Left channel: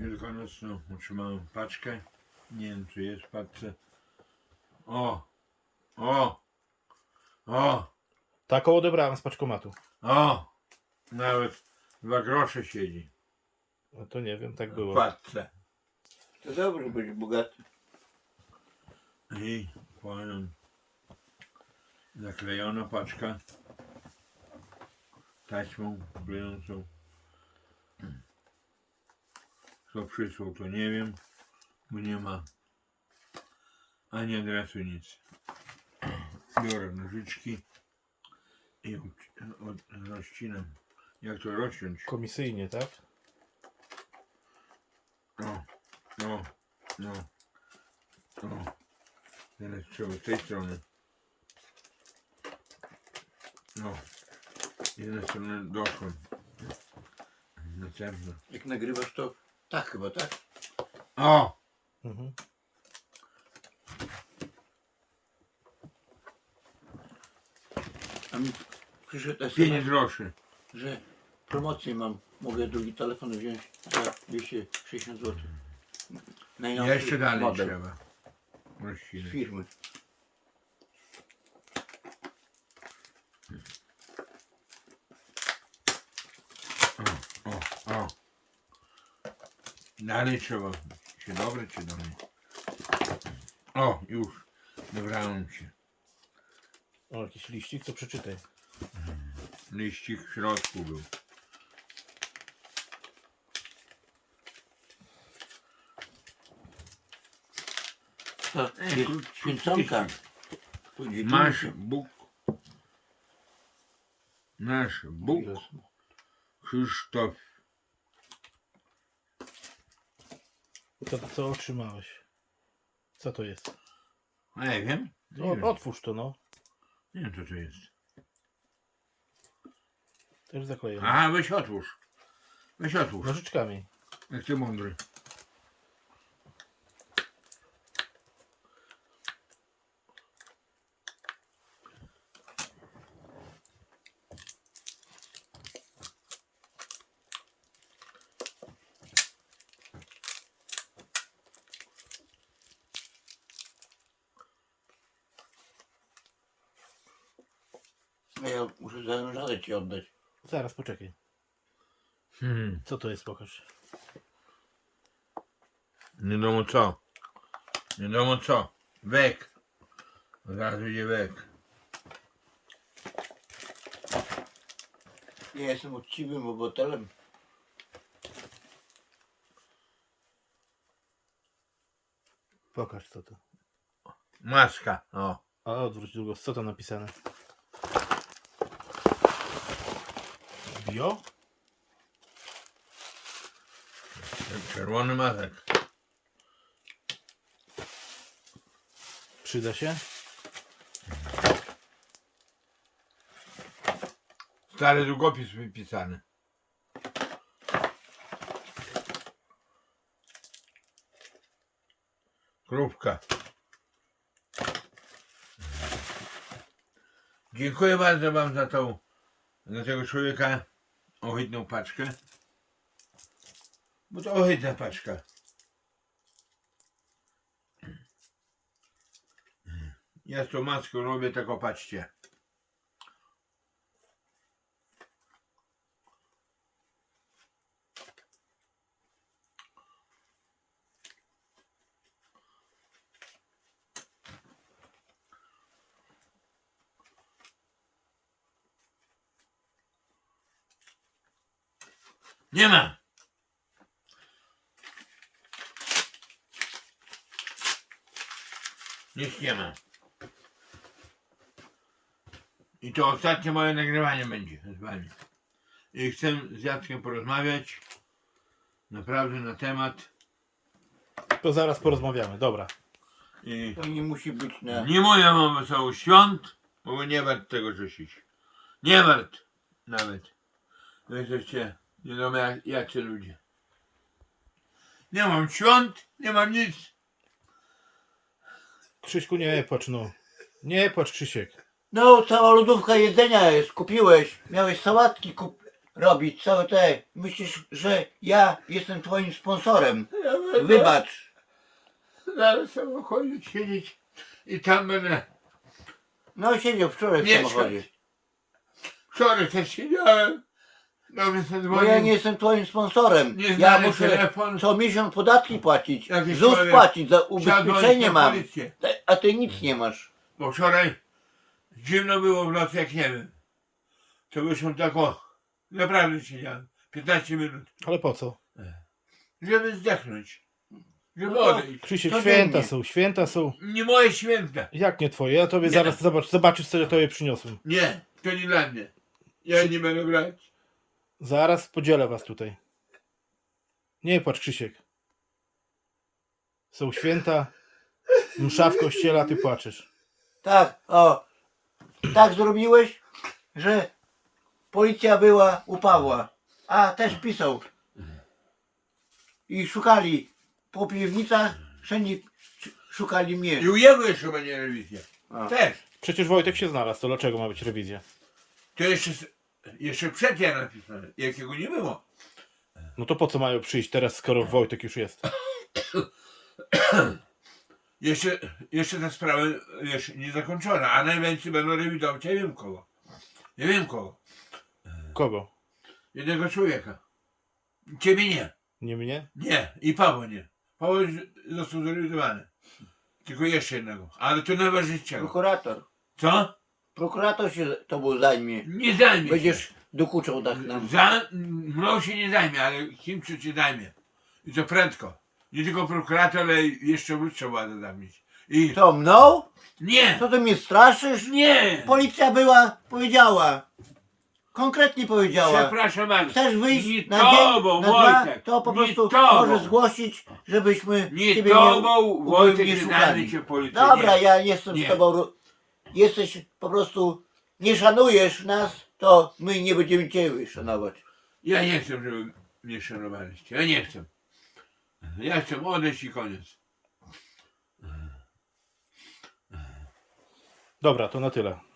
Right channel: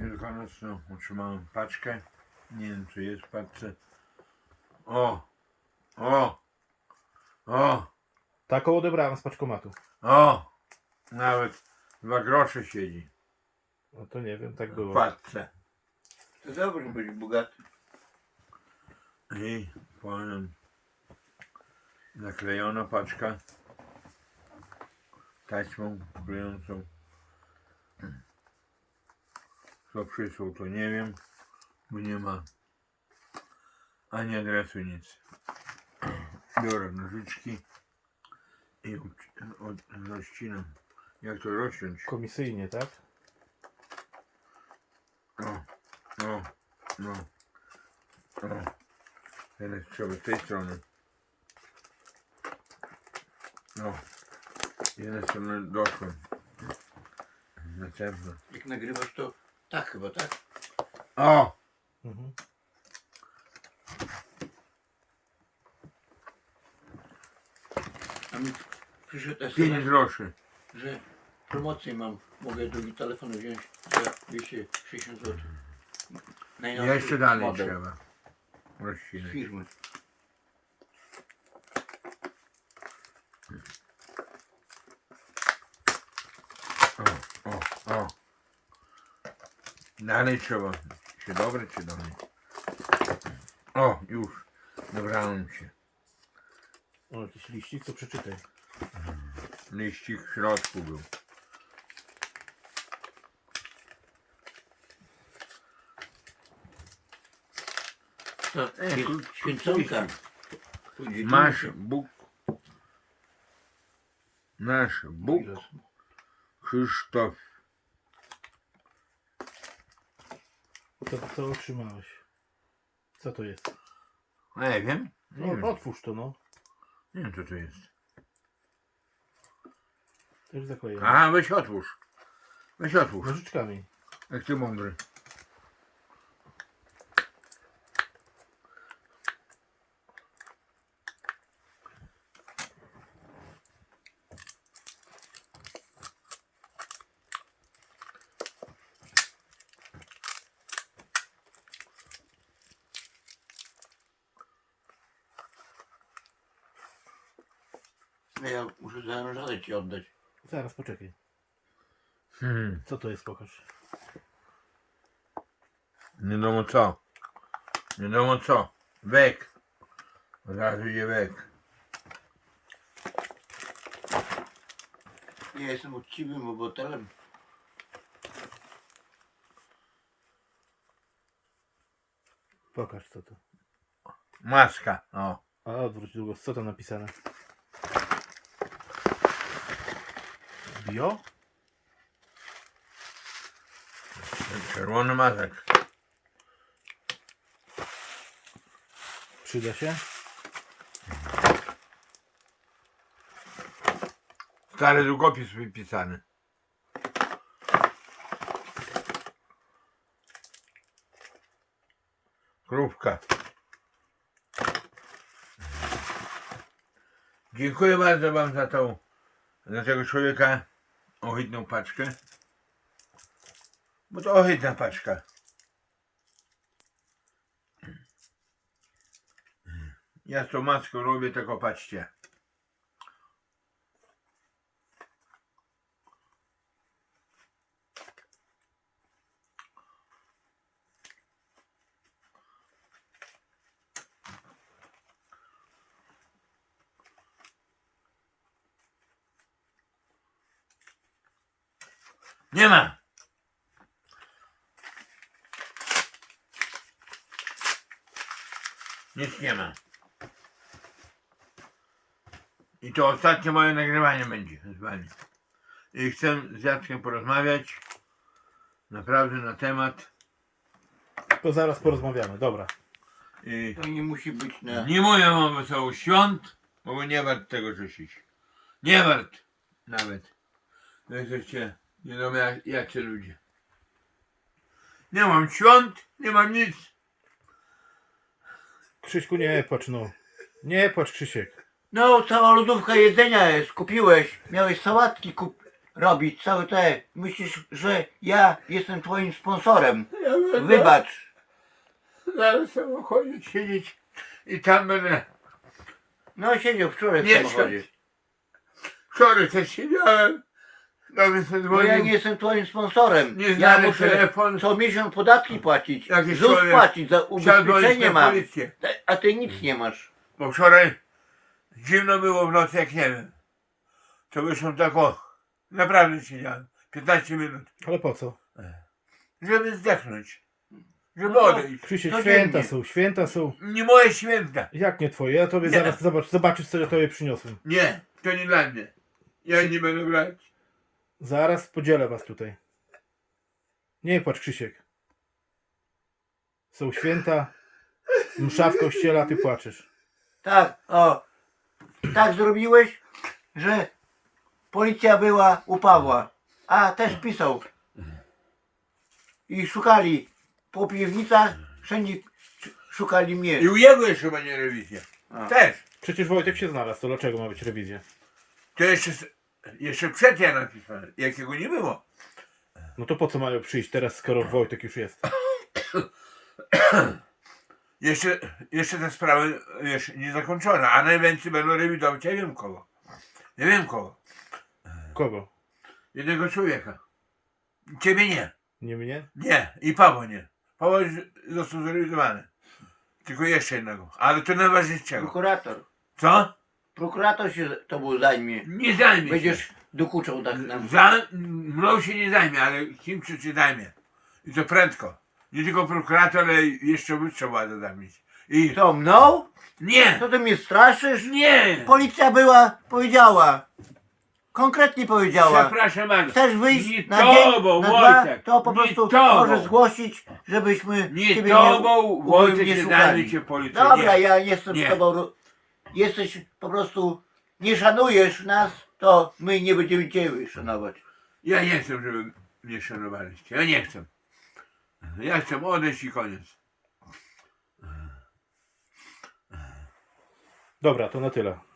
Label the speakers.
Speaker 1: wielkanocną otrzymałem paczkę. Nie wiem, co jest w paczce. O! O! O!
Speaker 2: Taką odebrałem z paczkomatu.
Speaker 1: O! Nawet 2 grosze siedzi
Speaker 2: No to nie wiem, tak
Speaker 1: w
Speaker 2: było.
Speaker 1: paczce.
Speaker 3: To dobrze być bogaty.
Speaker 1: I powiem, zaklejona paczka taśmą klejącą. Kto przysłał, to nie wiem, bo nie ma ani adresu, nic. Biorę nożyczki i rozcinam. Jak to rozciąć?
Speaker 2: Komisyjnie, tak?
Speaker 1: O, o, no, o. Teraz trzeba z tej strony. No, z jednej strony doszłem. Następna.
Speaker 3: Jak nagrywasz to tak chyba, tak?
Speaker 1: O!
Speaker 2: Mhm.
Speaker 3: A mi przyszedł
Speaker 1: 5
Speaker 3: SMS,
Speaker 1: groszy.
Speaker 3: że promocję mam. Mogę drugi telefon wziąć za 260 zł.
Speaker 1: Jeszcze dalej
Speaker 3: model
Speaker 1: trzeba
Speaker 3: z
Speaker 1: rozcinać.
Speaker 3: firmy.
Speaker 1: O, o, o. Dalej trzeba się dobrać, czy dalej. O, już. Dobrałem się.
Speaker 2: O, jakiś liścik, to przeczytaj.
Speaker 1: Liścik w środku był.
Speaker 3: To
Speaker 1: krótki
Speaker 3: jest święconka.
Speaker 1: liścik. Masz Bóg. Nasz Bóg. Krzysztof.
Speaker 2: Co otrzymałeś? Co to jest?
Speaker 1: Nie wiem. Nie wiem.
Speaker 2: Otwórz to, no.
Speaker 1: Nie wiem, co to jest.
Speaker 2: Też zakleję.
Speaker 1: A, weź otwórz. Weź otwórz.
Speaker 2: Nożyczkami.
Speaker 1: Jak ty mądry.
Speaker 3: Ja muszę zanurzadę ci oddać.
Speaker 2: Zaraz, poczekaj. Co to jest, pokaż.
Speaker 1: Nie wiadomo co. Nie wiadomo co. Wek. Od razu idzie wek.
Speaker 3: Ja jestem uczciwym obywatelem.
Speaker 2: Pokaż co to.
Speaker 1: Maska. O.
Speaker 2: A odwróć długo. Co tam napisane? Bio?
Speaker 1: Czerwony mazek.
Speaker 2: Przyda się?
Speaker 1: Stary długopis wypisany. Krówka. Dziękuję bardzo wam za tego człowieka ohydną paczkę. Bo to ohydna paczka. Ja z tą maską robię, tylko patrzcie. Nie ma. Nic nie ma. I to ostatnie moje nagrywanie będzie z wami. I chcę z Jackiem porozmawiać naprawdę na temat.
Speaker 2: To zaraz porozmawiamy, dobra.
Speaker 1: I
Speaker 3: To nie musi być na...
Speaker 1: nie mówię wam wesołych świąt, bo wy nie wart tego życzyć. Nie wart nawet. Wy jesteście nie wiadomo jacy ludzie. Nie mam świąt, nie mam nic.
Speaker 2: Krzyśku, nie płacz, no. Nie płacz, Krzysiek.
Speaker 3: No, cała lodówka jedzenia jest. Kupiłeś. Miałeś sałatki robić całe te. Myślisz, że ja jestem twoim sponsorem.
Speaker 1: Ja będę
Speaker 3: Wybacz.
Speaker 1: na samochodzie siedzieć i tam będę.
Speaker 3: No siedział wczoraj w
Speaker 1: Mieszkać.
Speaker 3: samochodzie.
Speaker 1: Wczoraj też siedziałem. Do mnie
Speaker 3: Bo ja
Speaker 1: zadzwonił.
Speaker 3: nie jestem twoim sponsorem. Ja
Speaker 1: Nieznany
Speaker 3: muszę
Speaker 1: telefon.
Speaker 3: co miesiąc podatki płacić.
Speaker 1: Jakiś
Speaker 3: ZUS
Speaker 1: człowiek
Speaker 3: płacić, za
Speaker 1: Siadłeś
Speaker 3: ubezpieczenie
Speaker 1: na
Speaker 3: mam.
Speaker 1: policję.
Speaker 3: A ty nic nie masz.
Speaker 1: Bo wczoraj zimno było w nocy, jak nie wiem. To wyszłem tak o. Naprawdę siedziałem. 15 minut.
Speaker 2: Ale po co?
Speaker 1: Żeby zdechnąć. Żeby
Speaker 3: No,
Speaker 1: odejść.
Speaker 2: Krzysiek,
Speaker 3: Codziennie.
Speaker 2: święta są.
Speaker 1: Nie moje święta.
Speaker 2: Jak nie twoje? Ja tobie
Speaker 1: Nie.
Speaker 2: zaraz zobaczysz, co ja tobie przyniosłem.
Speaker 1: Nie, to nie dla mnie. Ja nie będę brać.
Speaker 2: Zaraz podzielę was tutaj. Nie płacz, Krzysiek. Są święta, msza w kościele, a ty płaczesz.
Speaker 3: Tak, o. Tak zrobiłeś, że policja była u Pawła. A też pisał. I szukali po piwnicach, wszędzie szukali mnie.
Speaker 1: I u jego jeszcze będzie rewizja.
Speaker 3: A.
Speaker 1: Też.
Speaker 2: Przecież Wojtek się znalazł, to dlaczego ma być rewizja?
Speaker 1: To jeszcze przed ja napisałem. Jakiego nie było.
Speaker 2: No to po co mają przyjść teraz, skoro Wojtek już jest?
Speaker 1: Jeszcze ta sprawa jeszcze nie zakończona, a najwięcej będą rewidować. Ja wiem kogo. Ja wiem kogo.
Speaker 2: Kogo?
Speaker 1: Jednego człowieka. Ciebie nie.
Speaker 2: Nie mnie?
Speaker 1: Nie. I Paweł nie. Paweł już został zrewidowany. Tylko jeszcze jednego. Ale to najważniejszego.
Speaker 3: Prokurator.
Speaker 1: Co?
Speaker 3: Prokurator się tobą zajmie.
Speaker 1: Nie zajmie się.
Speaker 3: Będziesz dokuczał tak nam.
Speaker 1: Mną się nie zajmie, ale kimś się zajmie. I to prędko. Nie tylko prokurator, ale jeszcze wyższa władza zamieć. I
Speaker 3: Co, mną?
Speaker 1: nie!
Speaker 3: Co ty mnie straszysz?
Speaker 1: Nie!
Speaker 3: Policja była, powiedziała. Konkretnie powiedziała.
Speaker 1: Przepraszam bardzo.
Speaker 3: Chcesz wyjść
Speaker 1: Nie
Speaker 3: na dzień,
Speaker 1: tobą,
Speaker 3: na dwa,
Speaker 1: Wojtek.
Speaker 3: to po
Speaker 1: Nie
Speaker 3: prostu
Speaker 1: tobą.
Speaker 3: możesz zgłosić, żebyśmy
Speaker 1: Nie
Speaker 3: ciebie
Speaker 1: tobą, Wojtek, nie
Speaker 3: szukali.
Speaker 1: zajmie cię policja.
Speaker 3: Dobra,
Speaker 1: Nie.
Speaker 3: ja nie jestem
Speaker 1: Nie.
Speaker 3: z tobą. Jesteś po prostu, nie szanujesz nas, to my nie będziemy ciebie szanować.
Speaker 1: Ja nie chcę, żeby mnie szanowaliście. Ja nie chcę. Ja chcę odejść i koniec.
Speaker 2: Dobra, to na tyle.